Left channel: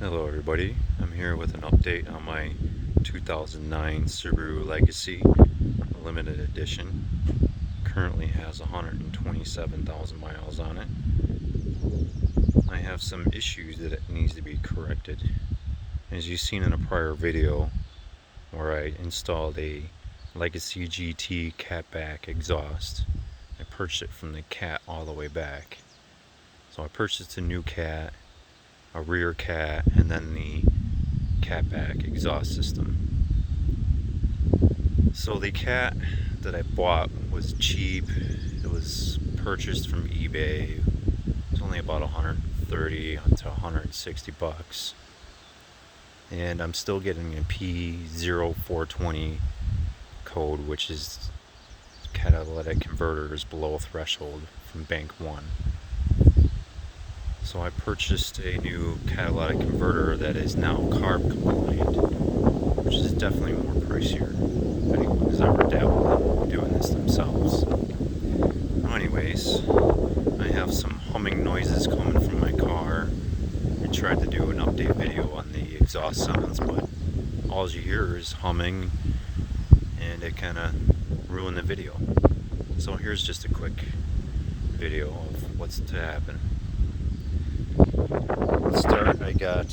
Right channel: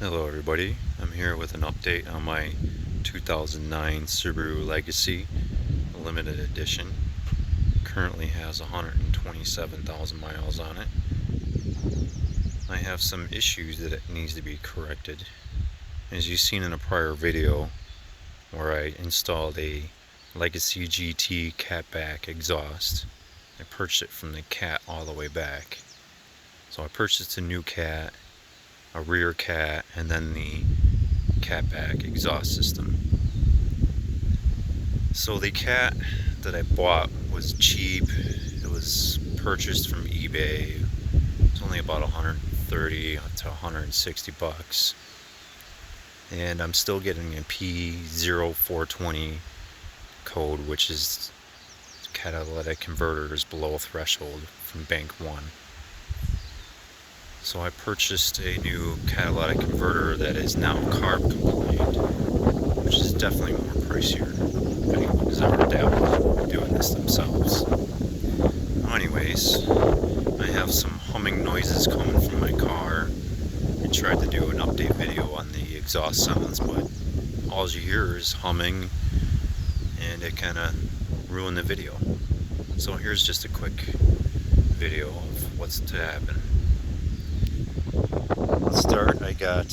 Hello everybody, I'm here with an update on my 2009 Subaru Legacy limited edition. Currently has 127,000 miles on it. I have some issues that it needs to be corrected. As you've seen in a prior video where I installed a Legacy GT catback exhaust, I purchased it from the cat all the way back. So I purchased a new cat, a rear cat, and then the catback exhaust system. So the cat that I bought was cheap. It was purchased from eBay. It's only about 130 to 160 bucks. And I'm still getting a P0420 code, which is catalytic converters below threshold from Bank 1. So I purchased a new catalytic converter that is now CARB compliant, which is definitely more pricier if anyone has ever dabbled doing this themselves. Anyways, I have some humming noises coming from my car. I tried to do an update video on the exhaust sounds, but all you hear is humming, and it kind of ruined the video. So here's just a quick video of what's to happen. Let's start. I got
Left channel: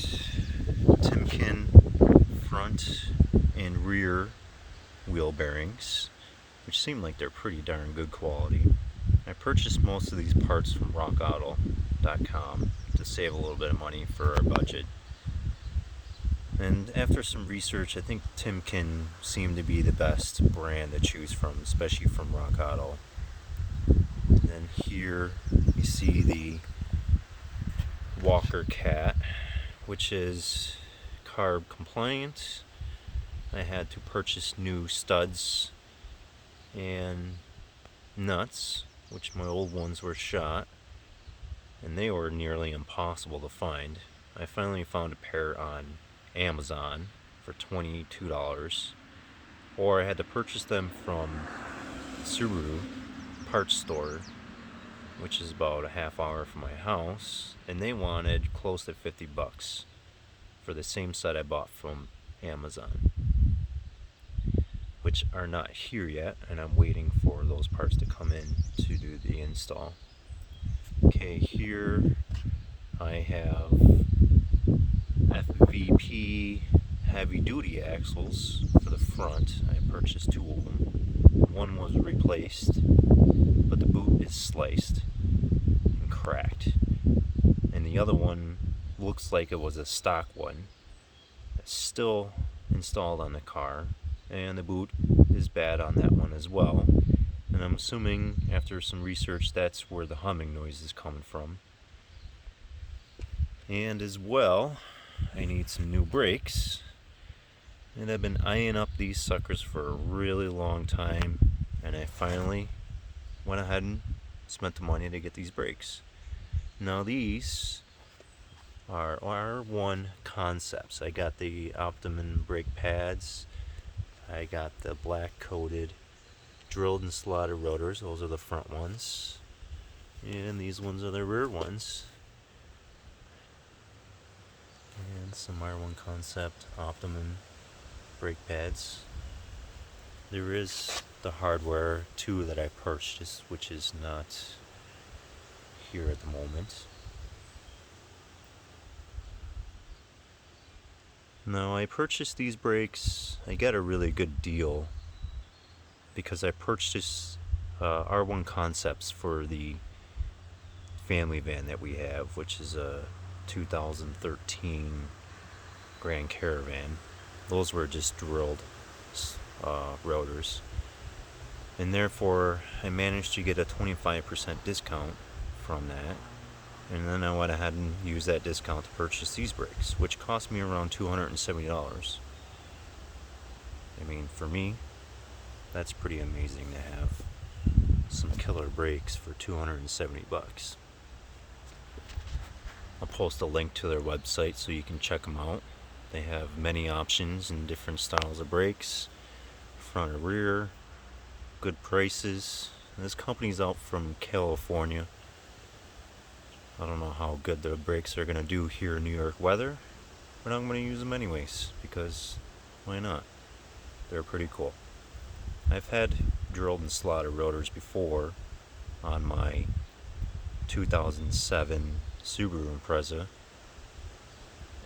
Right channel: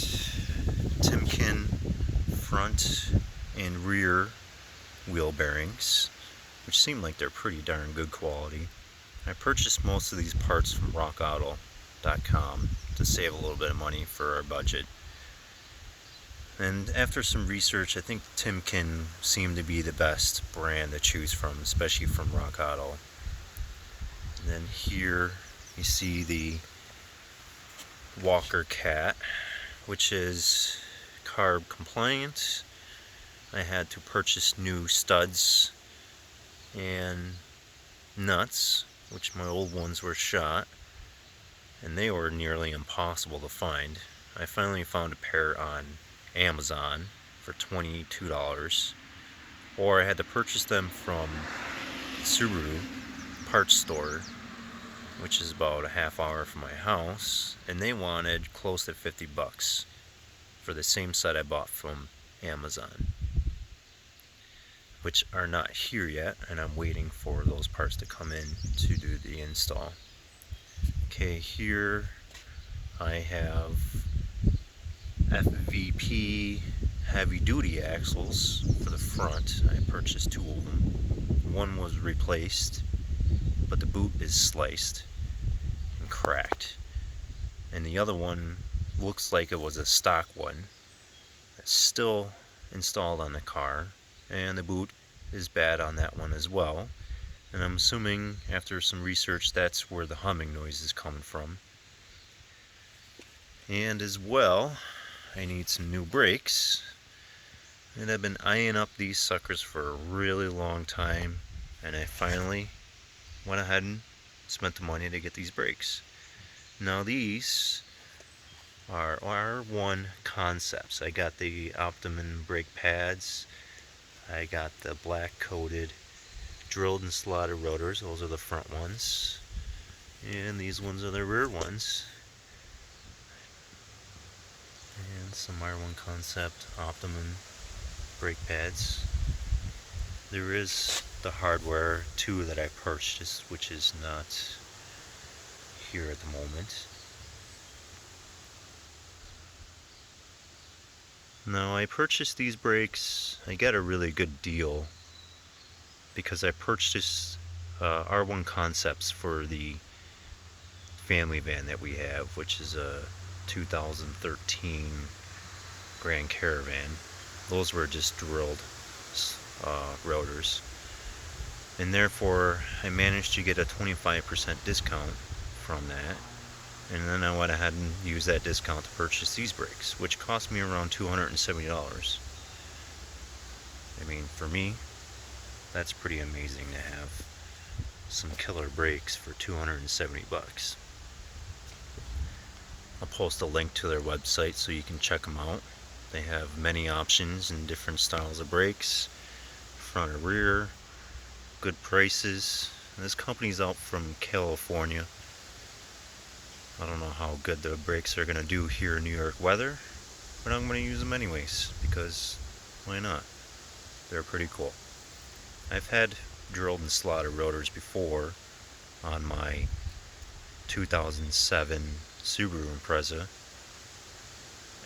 Timken front and rear wheel bearings, which seem like they're pretty darn good quality. I purchased most of these parts from rockauto.com to save a little bit of money for our budget. And after some research, I think Timken seemed to be the best brand to choose from, especially from Rock Auto. And then here you see the Walker Cat, which is CARB compliant. I had to purchase new studs and nuts, which my old ones were shot, and they were nearly impossible to find. I finally found a pair on Amazon for $22, or I had to purchase them from Subaru parts store, which is about a half hour from my house, and they wanted close to 50 bucks for the same set I bought from Amazon, which are not here yet, and I'm waiting for those parts to come in to do the install. Okay, here I have FVP heavy duty axles for the front. I purchased two of them. One was replaced, but the boot is sliced and cracked, and the other one looks like it was a stock one. It's still installed on the car, and the boot is bad on that one as well. And I'm assuming after some research that's where the humming noise is coming from. And as well, I need some new brakes, and I've been eyeing up these suckers for a really long time, and I finally went ahead and spent the money to get these brakes. Now these are R1 concepts. I got the Optimum brake pads, I got the black coated drilled and slotted rotors, those are the front ones, and these ones are the rear ones. And some R1 concept Optimum brake pads. There is the hardware too that I purchased, which is not here at the moment. Now I purchased these brakes, I got a really good deal because I purchased R1 concepts for the family van that we have, which is a 2013 Grand Caravan. Those were just drilled rotors, and therefore I managed to get a 25% discount from that, and then I went ahead and used that discount to purchase these brakes, which cost me around $270. I mean, for me, that's pretty amazing to have some killer brakes for 270 bucks. I'll post a link to their website so you can check them out. They have many options and different styles of brakes, front or rear, good prices. And this company's out from California. I don't know how good the brakes are going to do here in New York weather, but I'm going to use them anyways because why not? They're pretty cool. I've had drilled and slotted rotors before on my 2007 Subaru Impreza,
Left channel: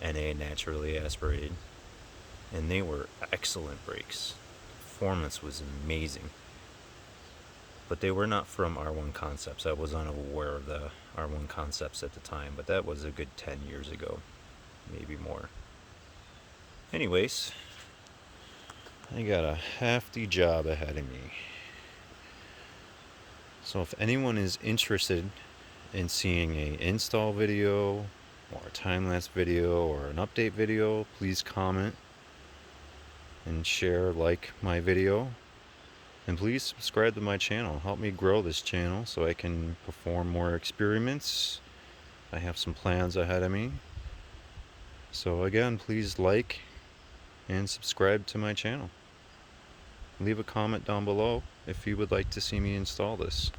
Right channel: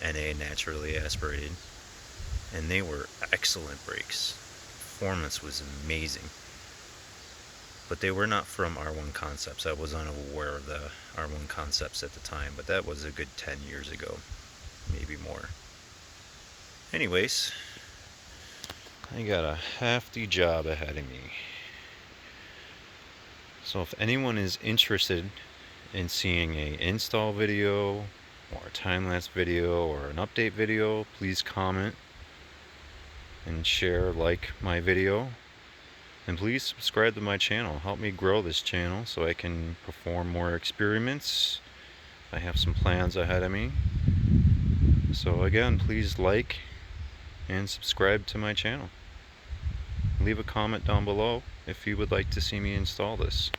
NA naturally aspirated, and they were excellent brakes. Performance was amazing. But they were not from R1 Concepts. I was unaware of the R1 Concepts at the time, but that was a good 10 years ago, maybe more. Anyways, I got a hefty job ahead of me. So if anyone is interested in seeing a install video or a time-lapse video or an update video, please comment and share, like my video. And please subscribe to my channel. Help me grow this channel so I can perform more experiments. I have some plans ahead of me. So again, please like and subscribe to my channel. Leave a comment down below if you would like to see me install this.